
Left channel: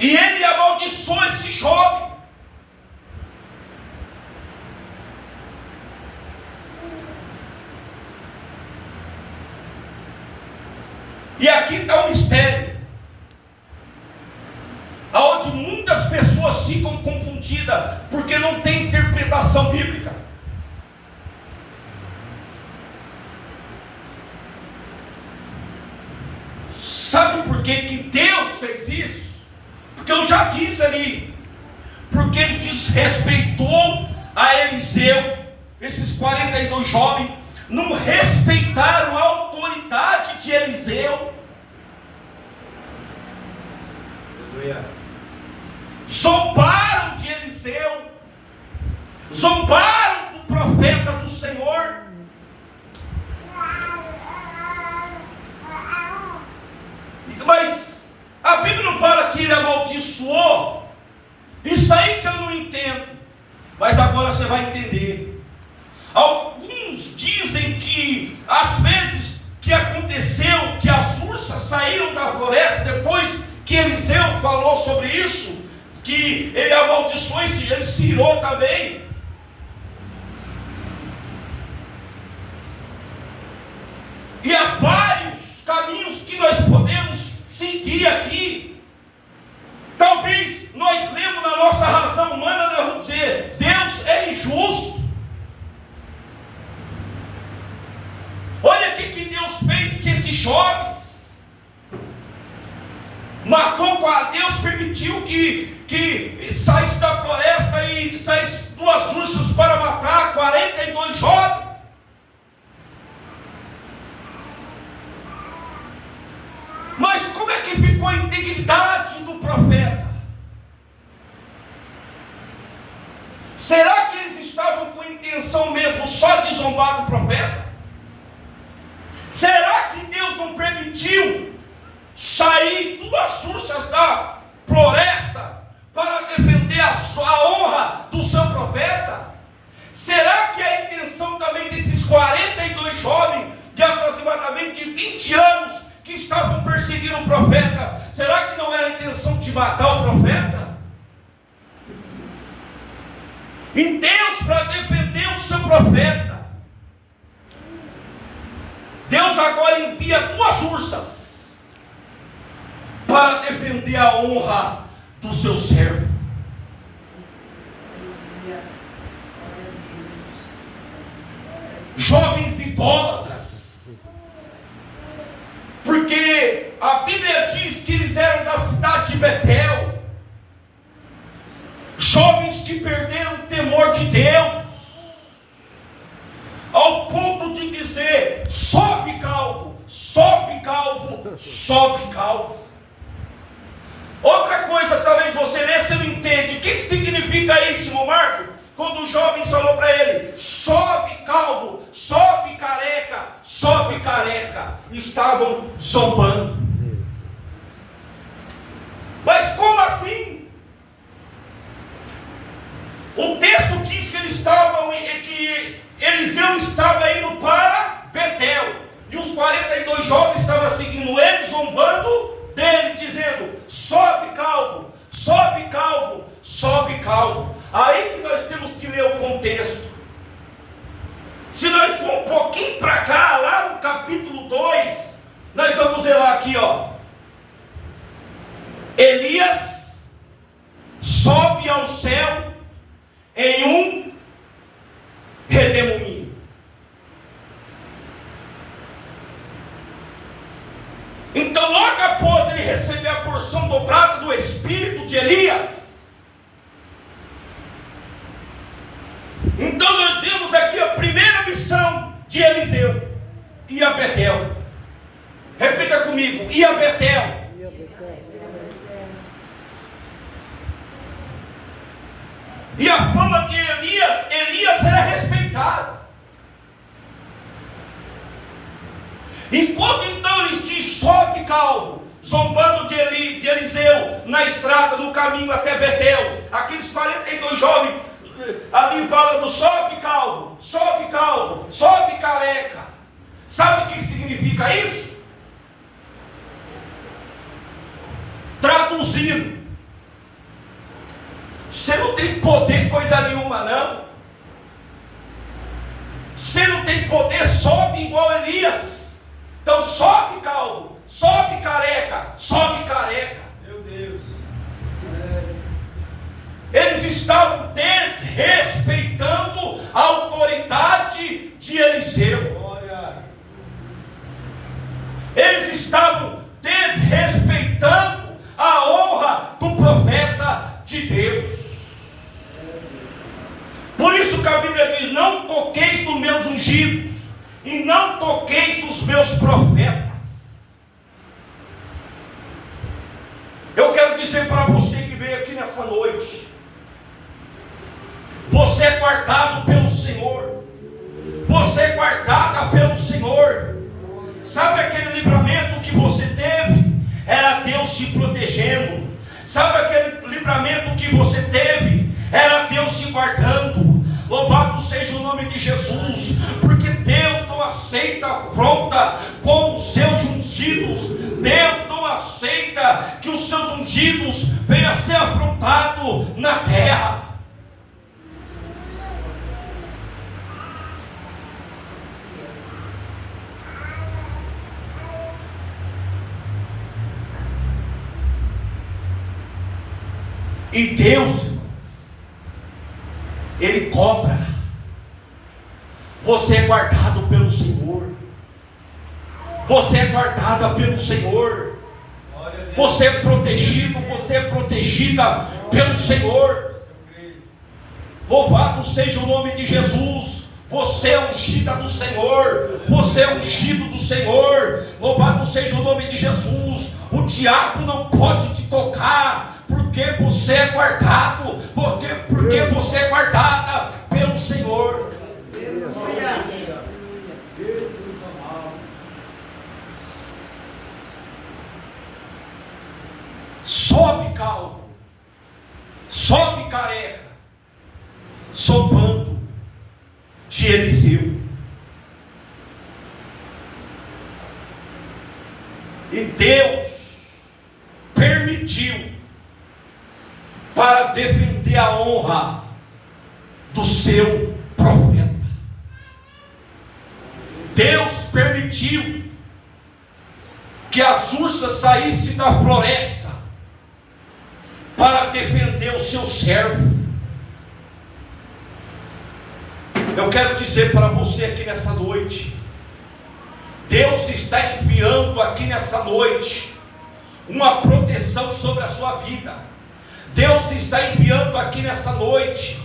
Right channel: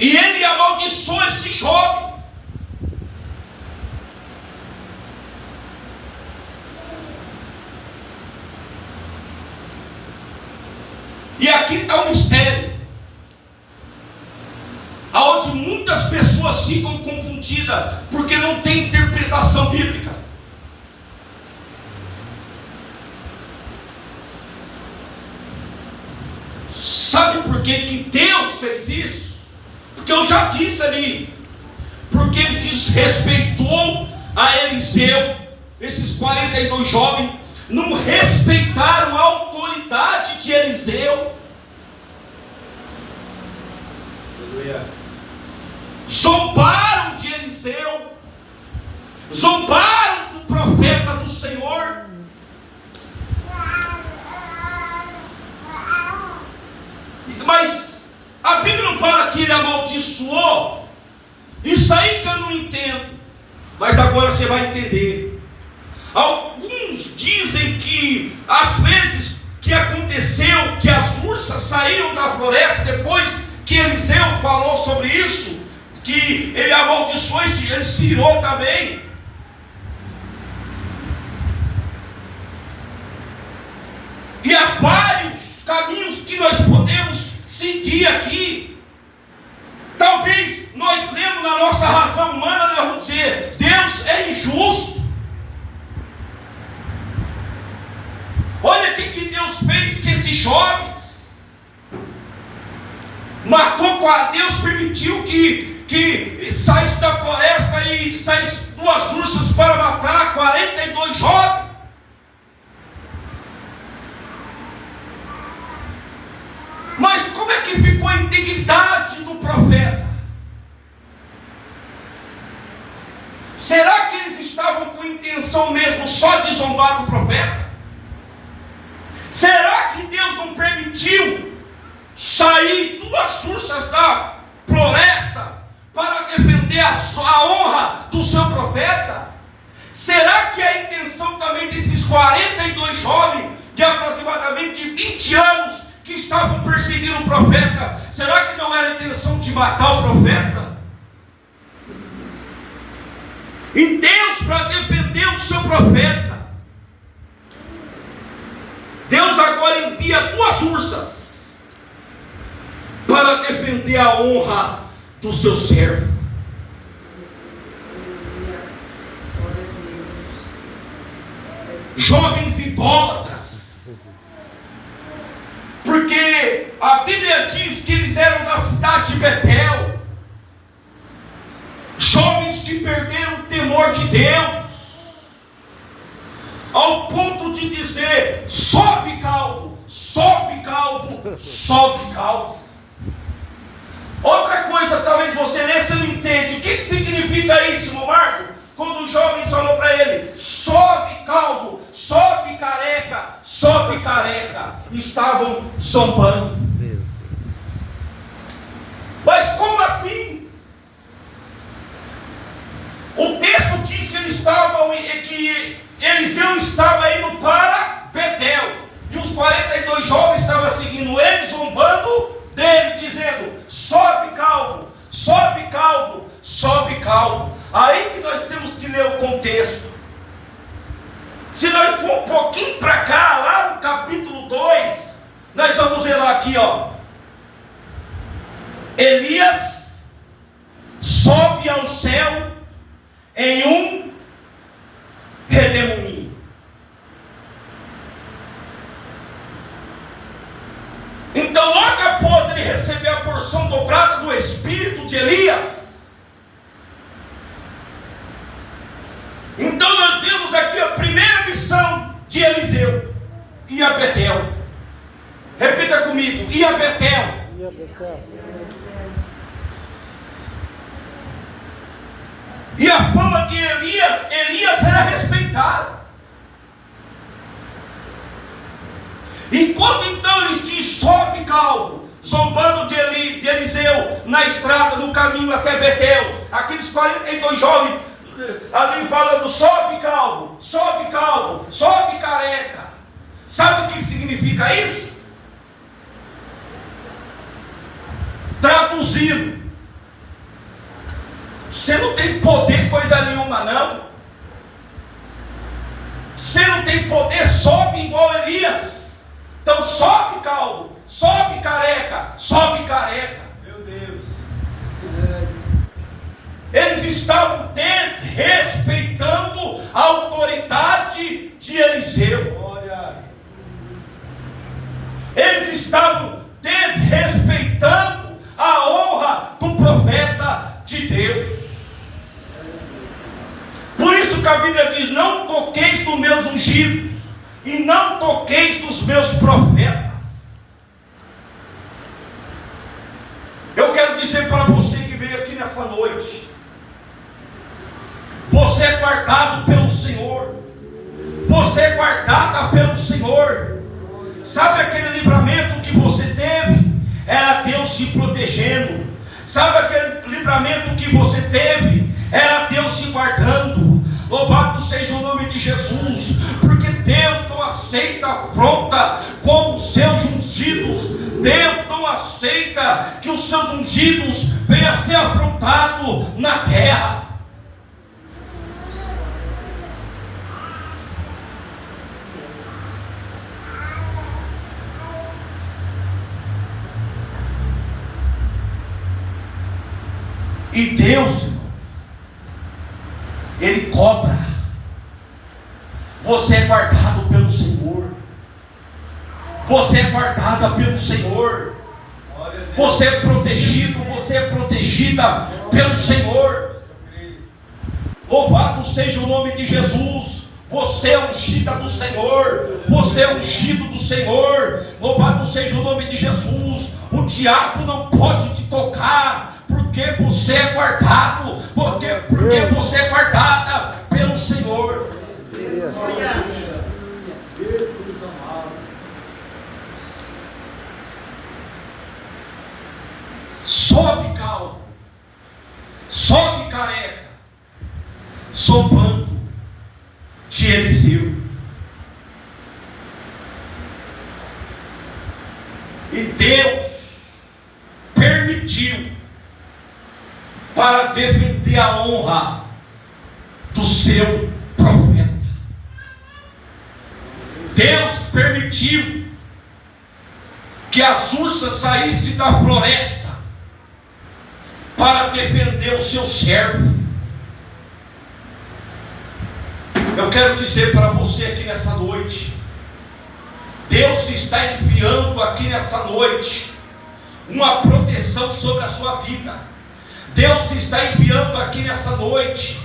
E ele amaldiçoou esse jovem. E aqui está o mistério, aonde muitas pessoas ficam confundidas, porque não tem interpretação bíblica. Sabe por que Deus fez isso? Porque eu já disse ali, porque ele desrespeitou a Eliseu. Esses 42 jovens não respeitaram a autoridade de Eliseu. Zombaram de Eliseu, zombaram do profeta do Senhor. Mas a Bíblia não fala que ele amaldiçoou. Isso aí que eu não entendo, mas agora você vai entender. Alguns dizem que às vezes que aconteceu que as ursas saíram da floresta depois que Eliseu falou sobre isso, que ele amaldiçoou, ele tirou também. E há vários caminhos que nós podemos seguir aqui. Talvez nós lemos na nossa razão humana, nós vamos dizer, Deus é injusto. Olha o que Deus fez com esses jovens. Matou, Deus permitiu que saísse da floresta e saísse 2 ursas para matar 42 jovens. Mas como é que ficou a integridade do profeta? Será que eles estavam com intenção mesmo só de zombar do profeta? Será que Deus não permitiu sair 2 ursas da floresta para defender a honra do seu profeta? Será que a intenção também desses 42 jovens de aproximadamente 20 anos que estavam perseguindo o profeta, será que não era a intenção de matar o profeta? E Deus, para defender o seu profeta, Deus agora envia 2 ursas para defender a honra do seu servo. Jovens idólatras. Porque a Bíblia diz que eles eram da cidade de Betel. Jovens que perderam o temor de Deus, ao ponto de dizer: sobe calvo, sobe calvo, sobe calvo. Outra coisa, talvez você lê, você não entende. O que significa isso, irmão Marco? Quando o jovem falou para ele: sobe calvo, sobe careca, sobe careca. Estavam zombando. Mas como assim? O texto diz que eles estavam, que Eliseu estava indo para Betel, e os 42 jovens estavam seguindo ele, zombando dele, dizendo: sobe calvo, sobe calvo, sobe calvo. Aí que nós temos que ler o contexto. Se nós for um pouquinho para cá, lá no capítulo 2, nós vamos ver lá aqui, ó. Elias sobe ao céu em um redemoinho. Então, logo após ele receber a porção dobrada do espírito de Elias, então nós vemos aqui a primeira missão de Eliseu: ir a Betel. Repita comigo: ir a Betel. E a fama de Elias era respeitado. E quando então eles dizem: sobe calvo, zombando de Eliseu na estrada, no caminho até Betel, aqueles 42 jovens ali falando: sobe calvo, sobe calvo, sobe careca. Sabe o que significa isso? Traduzindo: você não tem poder coisa nenhuma não. Você não tem poder, sobe igual Elias. Então sobe calvo, sobe careca, sobe careca. Meu Deus. Eles estavam desrespeitando a autoridade de Eliseu. Eles estavam desrespeitando a honra do profeta de Deus. Por isso que a Bíblia diz: não toqueis nos meus ungidos e não toqueis nos meus profetas. Eu quero dizer nessa noite. Você é guardado pelo Senhor. Você é guardada pelo Senhor. Sabe aquele livramento que você teve? Era Deus te protegendo. Sabe aquele livramento que você teve? Era Deus te guardando. Louvado seja o nome de Jesus, porque Deus não aceita afronta com os seus ungidos. Deus não aceita que os seus ungidos venham a ser afrontados na terra. E Deus, irmão, Ele cobra. Você é guardado pelo Senhor. Você é guardada pelo Senhor. Você é protegido, você é protegida pelo Senhor. Louvado seja o nome de Jesus. Você é ungida do Senhor. Você é ungido do Senhor. Louvado seja o nome de Jesus. O diabo não pode te tocar, porque você é guardado, porque você é guardada pelo Senhor. Sobe calmo, sobe careca, sopando de Eliseu. E Deus permitiu para defender a honra do seu profeta. Deus permitiu que as ursas saíssem da floresta para defender o seu servo. Eu quero dizer para você aqui nessa noite, Deus está enviando aqui nessa noite uma proteção sobre a sua vida. Deus está enviando aqui nessa noite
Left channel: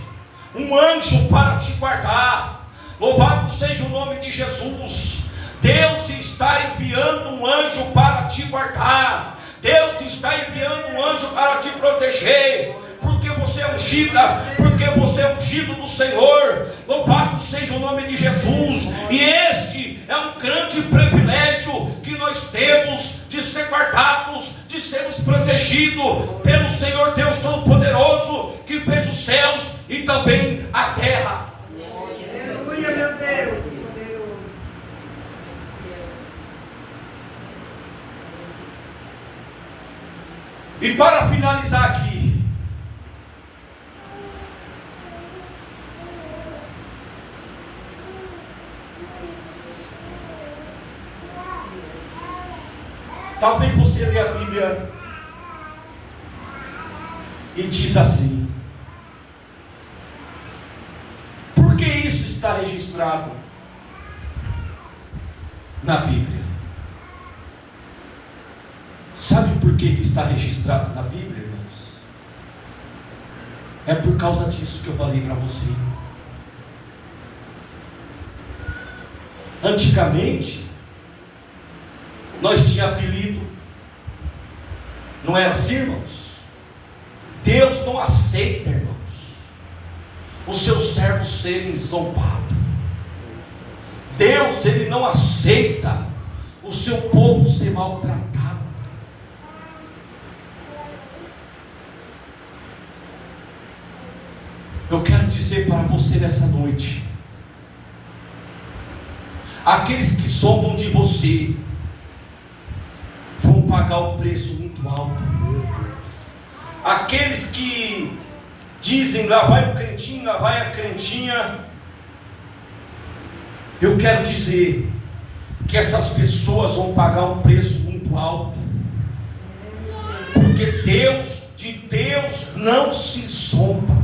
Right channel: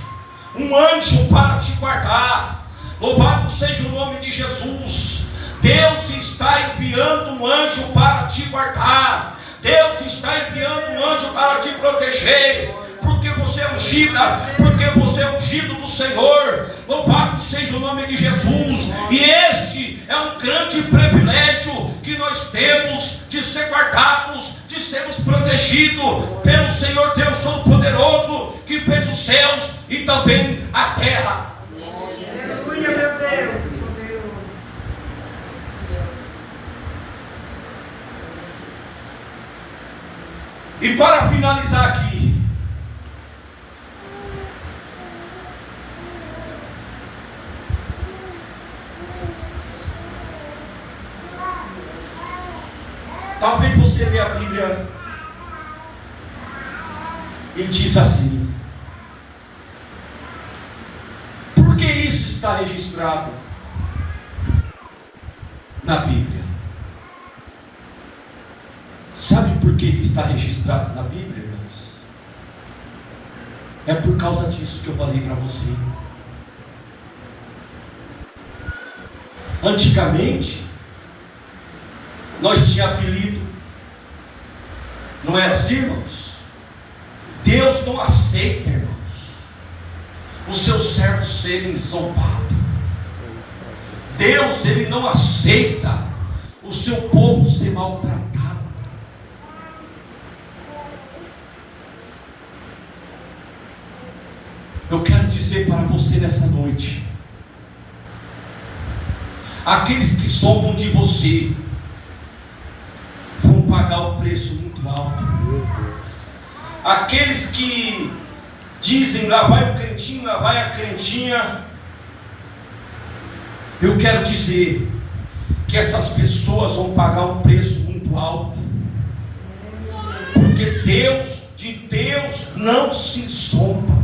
um anjo para te guardar. Louvado seja o nome de Jesus. Deus está enviando um anjo para te guardar. Deus está enviando um anjo para te proteger, porque você é ungida, porque você é ungido do Senhor. Louvado seja o nome de Jesus. E este é um grande privilégio que nós temos de ser guardados, de sermos protegidos pelo Senhor Deus Todo-Poderoso, que fez os céus e também a terra. Aleluia, meu Deus. E para finalizar aqui, talvez você lê a Bíblia e diz assim: por que isso está registrado na Bíblia? Sabe por que está registrado na Bíblia, irmãos? É por causa disso que eu falei para você. Antigamente, nós tínhamos apelido. Não era assim, irmãos? Deus não aceita, irmãos, os seus servos serem zombados. Deus, Ele não aceita o seu povo ser maltratado. Eu quero dizer para você nessa noite: aqueles que zombam de você vão pagar o preço muito alto. Aqueles que dizem lá vai o crentinho, lá vai a crentinha, eu quero dizer que essas pessoas vão pagar um preço muito alto, porque de Deus não se zomba.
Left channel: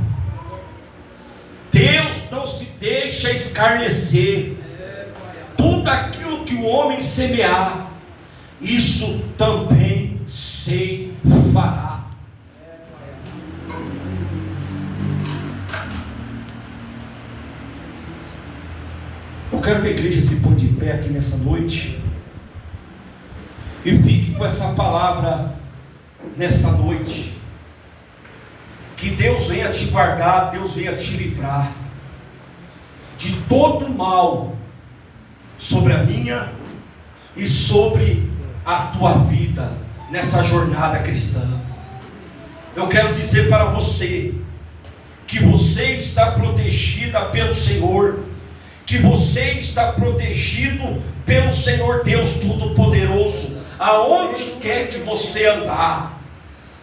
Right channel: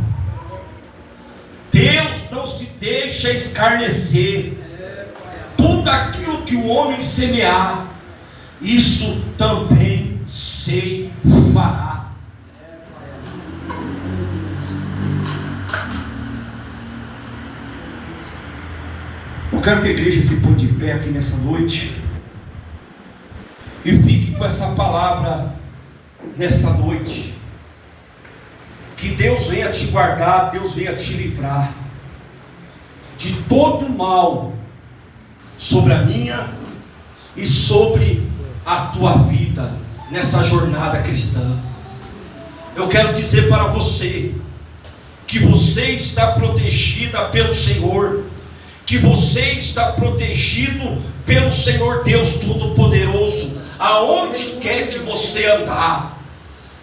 Deus não se deixa escarnecer. Tudo aquilo que o homem semear, isso também se fará. Eu quero que a igreja se põe de pé aqui nessa noite e fique com essa palavra nessa noite. Que Deus venha te guardar, Deus venha te livrar de todo mal sobre a minha e sobre a tua vida nessa jornada cristã. Eu quero dizer para você que você está protegida pelo Senhor, que você está protegido pelo Senhor Deus Todo-Poderoso, aonde quer que você andar.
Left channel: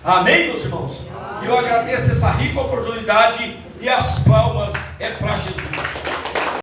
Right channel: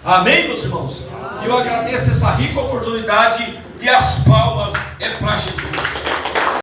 Amém, meus irmãos? Eu agradeço essa rica oportunidade e as palmas é para Jesus.